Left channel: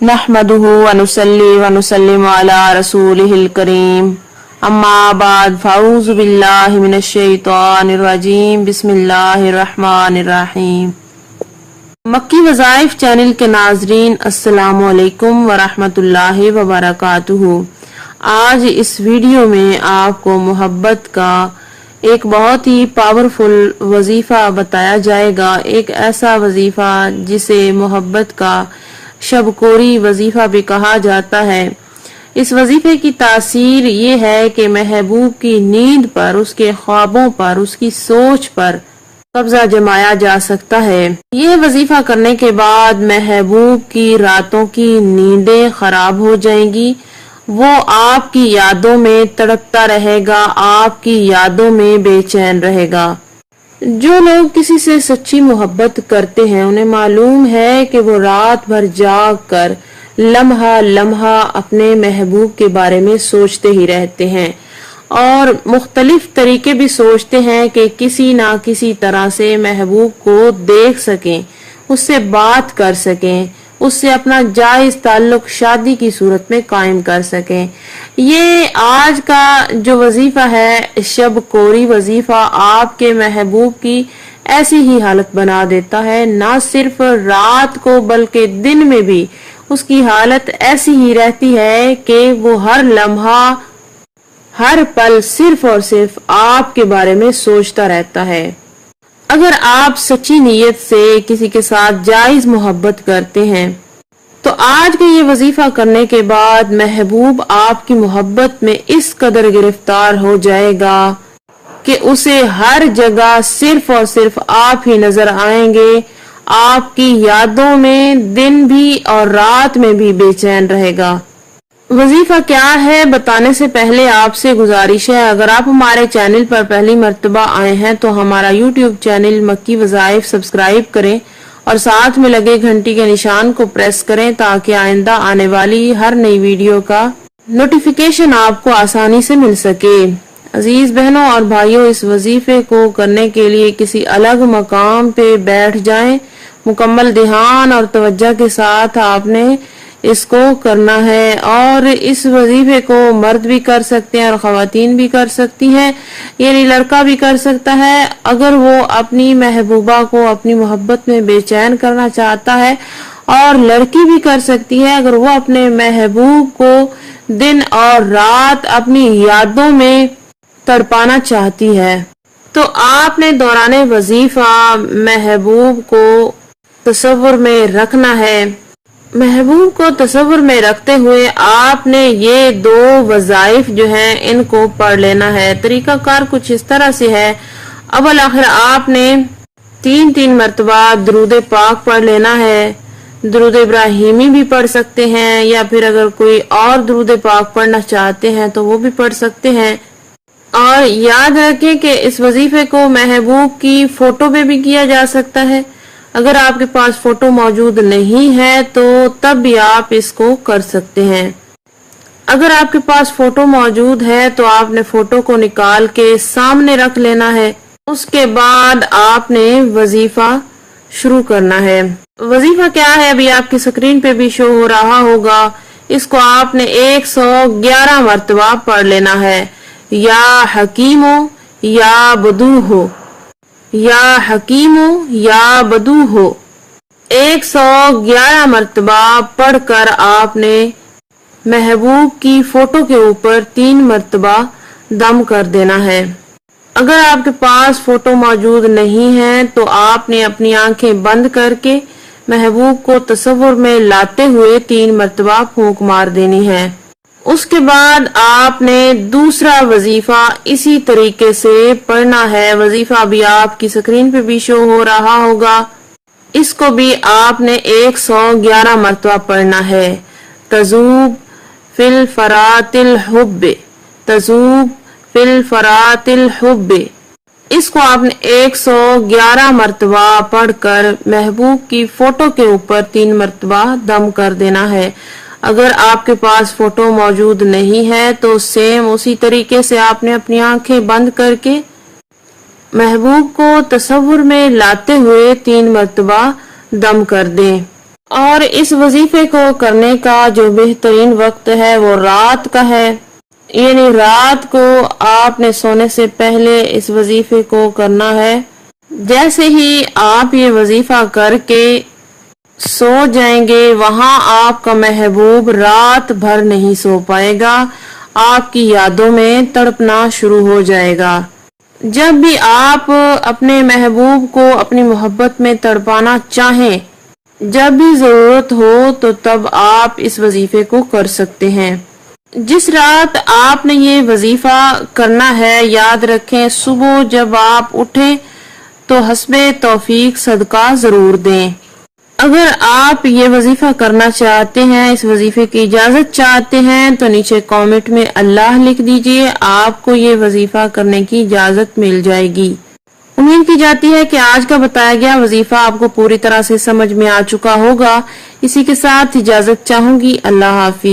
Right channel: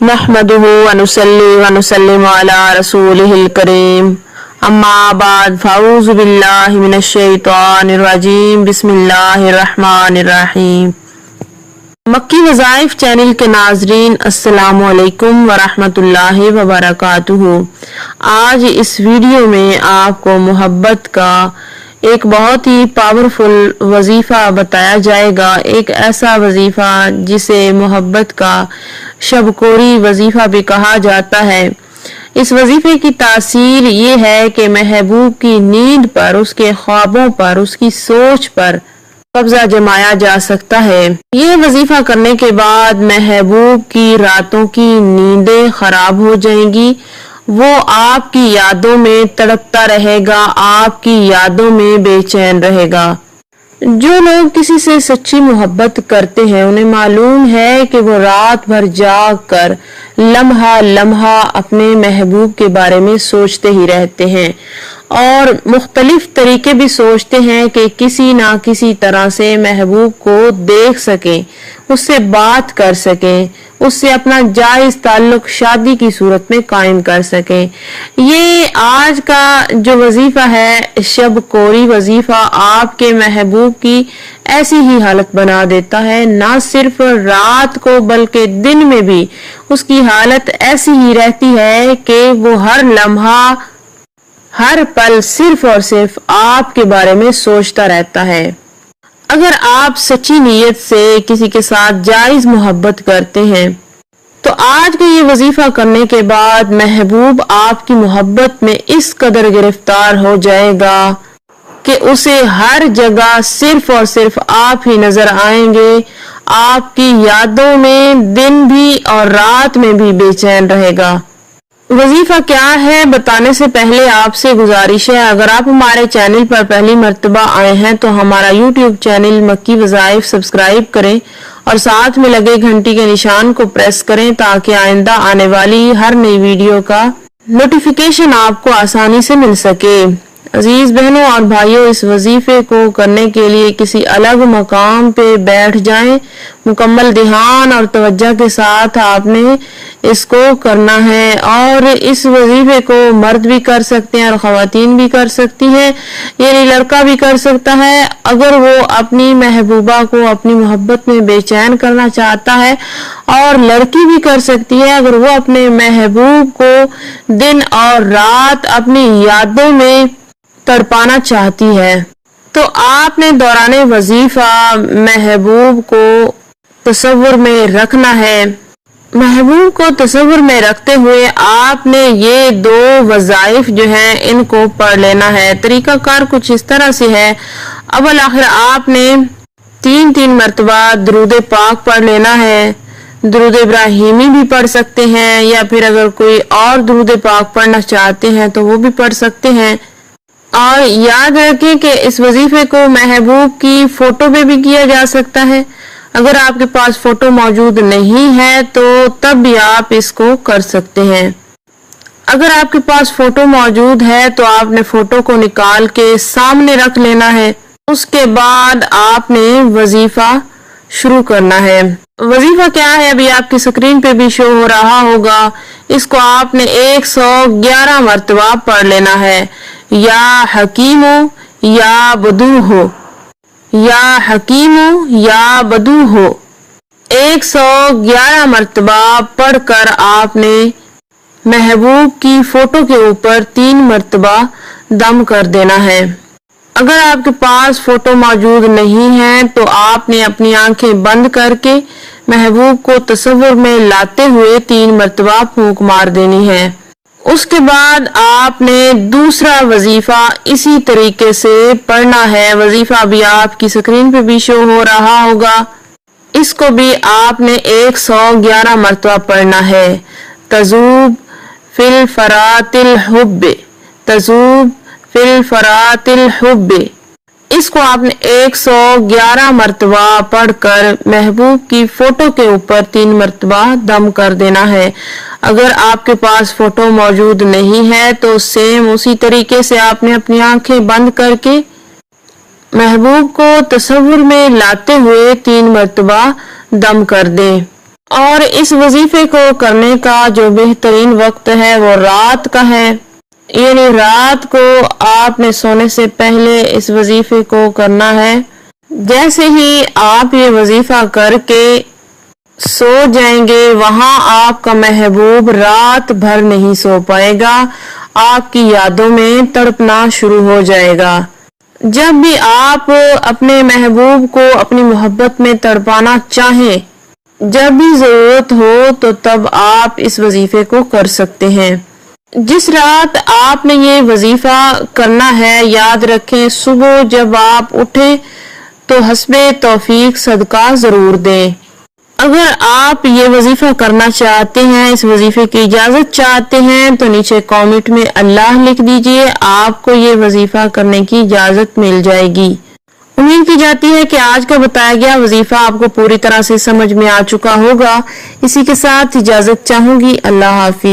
नहमदुहु व नुसल्ली व नुसल्लिमु अला रसूलिहिल करीम अम्मा बाद फ़अऊज़ु बिल्लाहि मिनश शैतानिर रजीम बिस्मिल्लाहिर रहमानिर रहीम। मक्की वज़ाइफ चैनल के नाज़रीन अस्सलामु अलैकुम व रहमतुल्लाहि व बरकातुहू। आज इस वीडियो में आपको मोहब्बत का एक बहुत ही पावरफुल वजीफा बताया जाएगा। एक ऐसा वजीफा जिसे मोहब्बत का शबकोरी वजीफा भी कहा जाता है। इस वजीफे की तासीर ये है कि महबूब की नींद पर, उसके ख्वाबों पर, उसकी सोच पर कब्जा जमाया जा सकता है। ये वजीफा करने के बाद महबूब की रातों की नींदें खराब हो जाएंगी। वो आपकी यादों में तड़पता रहेगा, आपकी यादों में बेचैन रहेगा। जो लोग किसी से सच्ची मोहब्बत करते हैं उन्हें मालूम है कि वो रात भर जाग कर लम्हा लम्हा अपने महबूब के बारे में सोचते ही रहते हैं और मुख्तलिफ तरीके भी सोचते हैं कि किसी ना किसी तरह से महबूब को देख सकें, उससे बात कर सकें, उससे अपना जायज ताल्लुक शादी की सूरत में कायम कर सकें। ये आज का जो वजीफा है, शब कोरी वजीफा, आपके महबूब की ऐसी ही हालत बना देता है। ना सिर्फ रात को बल्कि दिन में भी उसकी हालत ऐसी ही रहती है कि वो हर लम्हा हर पल सिर्फ और सिर्फ आपके बारे में सोचता रहता है। अगर आप सच्ची नीयत से किसी के साथ जायज मोहब्बत करते हैं तो आज को ये वजीफा करने के बाद महबूब आपकी मोहब्बत में इस कदर गिरफ्तार हो जाएगा कि उसे हर जगह सिर्फ और सिर्फ आप ही नजर आएंगे। आपकी यादों में दिन भी और रात में भी बेचैन रहेगा। वजीफा क्या है बताने से पहले आपसे गुजारिश है, अगर आप हमारे चैनल पर पहली मर्तबा आए हैं तो हमारा यूट्यूब चैनल मक्की वज़ाइफ सब्सक्राइब करें और साथ में लगे घंटी के निशान को प्रेस करें ताकि आइंदा आने वाली हर नई वीडियो का नोटिफिकेशन आपको आसानी से मिल सके। अजीज बहनों और भाइयों, इस वजीफे को करने के लिए किसी अलग मकाम पे बैठ जाएं। मुकम्मल ध्यान और तवज्जो के साथ आपने इसको करना है और इस वजीफे को मर्द भी कर सकते हैं और खवातीन भी कर सकती हैं, यानी लड़का भी कर सकता है। अगर वो अपनी महबूबा को अपनी मोहब्बत में बेचैन करना चाहता है, और लड़की भी कर सकती है अगर वो अपने महबूब को दिन और रात अपनी यादों में तड़पाना चाहती है। तो आपने दौराने वजीफा महबूब को तसव्वुर में रखना है। महबूब को तस्वीर में रखते हुए आपने ये दो वज़ाइफ जो हैं इनको पढ़ लेना है। तरीका कार कुछ इस तरह से है। अव्वल आखिर आपने 3-3 मरतबा दुरूद पाक पढ़ लेना है। दुरूद इब्राहिमी भी पढ़ सकते हैं या फिर अगर कोई और दुरूद पाक पढ़ना चाहते हैं तो वो भी पढ़ सकते हैं। और याद रखें कि इस वजीफे को महबूब की फोटो पे भी किया जा सकता है। अगर आपके पास फोटो मौजूद नहीं है तो तब भी आप इसको कर सकते हैं। अगर आपके पास फोटो मौजूद है तो आपने फोटो को निकाल के सामने रख लेना है। उसके बाद आपने वजीफा शुरू करना है। वजीफा क्या है अभी आपकी स्क्रीन पे भी शो हो रहा होगा। इसको आपने 111 मरतबा पढ़ लेना है। या हकीमो या बदू हो, या हकीमो या बदू हो, 111 मरतबा पढ़कर आपने महबूब की फोटो के ऊपर 3 मरतबा दम कर देना है। अगर आपके पास फोटो मौजूद नहीं है तो आपने अपनी आंखें बंद करके महबूब को तस्वीर में लाते हुए 3 मरतबा फूंक मार देनी है। उसके बाद आपने दूसरा वजीफा इसी तरीके से पढ़ना है। वजीफा भी आपकी स्क्रीन पे भी शो हो रहा होगा। इसको भी आपने 111 मरतबा पढ़ना है। तजूब फिल फरातिल हुब्बे, तजूब फिल फरातिल हुब्बे, इसको आपने 111 मरतबा पढ़कर महबूब की फोटो के ऊपर 3 मरतबा दम कर देना है। अगर आपके पास फोटो मौजूद नहीं है तो सेम उसी तरीके से आपने अपनी आंखें बंद करके महबूब को तस्वीर में लाते हुए 3 मरतबा दम कर दें। اور اس وظیفے کو کرنے کا جو بہترین وقت ہے وہ رات کا ہے، یعنی رات کو آپ نے سونے سے پہلے اس وظیفے کو کرنا ہے۔ جیسے ہی آپ یہ وظیفہ کر کے سو جائیں گے، وہاں آپ کا محبوب رات بھر نہیں سو پائے گا، آپ کی یادوں میں تڑپنا شروع ہو جائے گا۔ جب بھی آپ اپنے محبوب کو اپنی محبت میں تڑپانا چاہیں، جب بھی ضرورت ہو تو تب آپ اس وظیفے کو کر سکتے ہیں۔ جس رات آپ نے یہ وظیفہ کرنا ہے، یاد رکھیں صبح جب آپ اٹھیں تو حسب توفیق صدقہ ضرور دیں۔ اگر آپ یہ وظیفہ کرنا چاہتے ہیں، اس وظیفے کی اجازت چاہتے ہیں تو نیچے کامنٹ میں اللہ لکھ دیجئے، آپ کو یہ وظیفہ کرنے کی اجازت مل جائے گی۔ امید کی جاتی ہے کہ آج کا بتایا گیا وظیفہ آپ کو پوری طرح سے سمجھ میں آ چکا ہوگا۔ اسی کے ساتھ اجازت چاہوں گی، اللہ حافظ۔